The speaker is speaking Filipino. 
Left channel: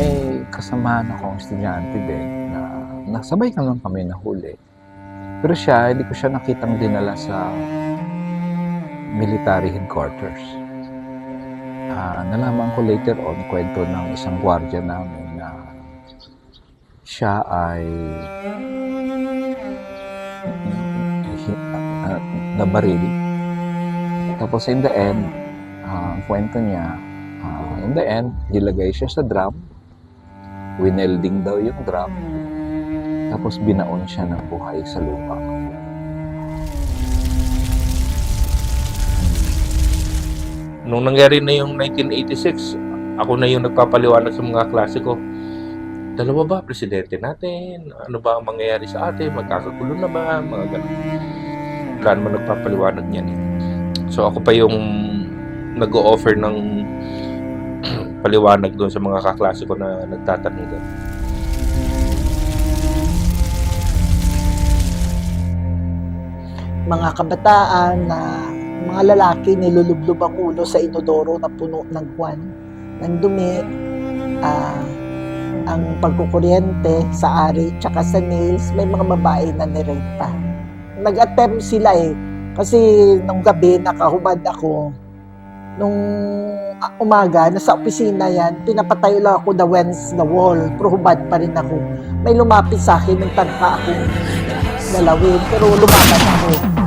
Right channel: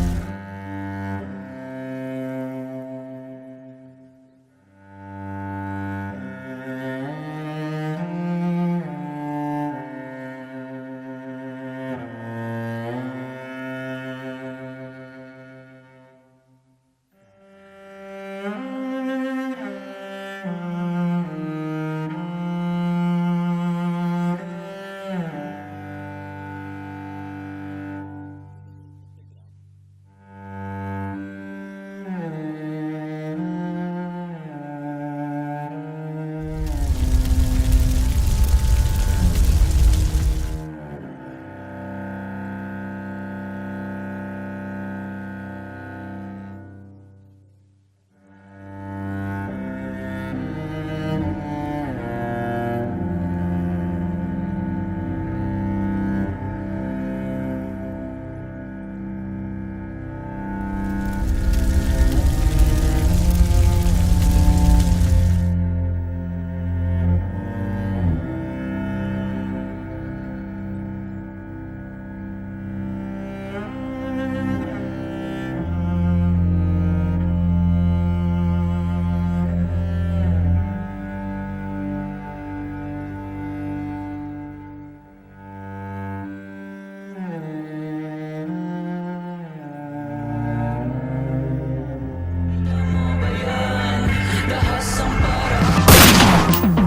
May kasamahan akong estudyante din na nasabay ka lang kami nahuli. Pero siya, hindi ko siya nakitang dinala sa military headquarters. Ah, nalaman ko later on, kwento ng isang gwardiya namin na siya ay uh, nabaril. Tapos in the end, ah, ang kwento niya, ah, in the end, nilagay siya sa drum, winelding daw yung drum, tapos binaon siya ng buhay sa lupa. Nung nangyari na yung 1986, ako na yung nagpapaliwanag sa mga klase ko. Dalawa ba presidente natin? Ano ba ang mangyayari sa atin? Magkakagulo na ba? Mga ganun. Wala naman nagpapaliwanag niyan. So ako pa yung nag-o-offer ng paliwanag doon sa mga kaklase ko na nagtatanong doon. mga kabataan na mga lalaki nilulublob ang ulo sa inodoro na puno ng kwan ng dumi ah, ang pagkukuryente sa ari tsaka sa nails may mga babae na nirenta nag-attempt sila eh kasi nung gabi nakahubad ako. Nung umaga nasa opisina yan pinapatayo lang ako the wens the wall. Pero hubad pa rin ako. May lumapit sa akin yung tagka ako. Galawin pero lumaban ako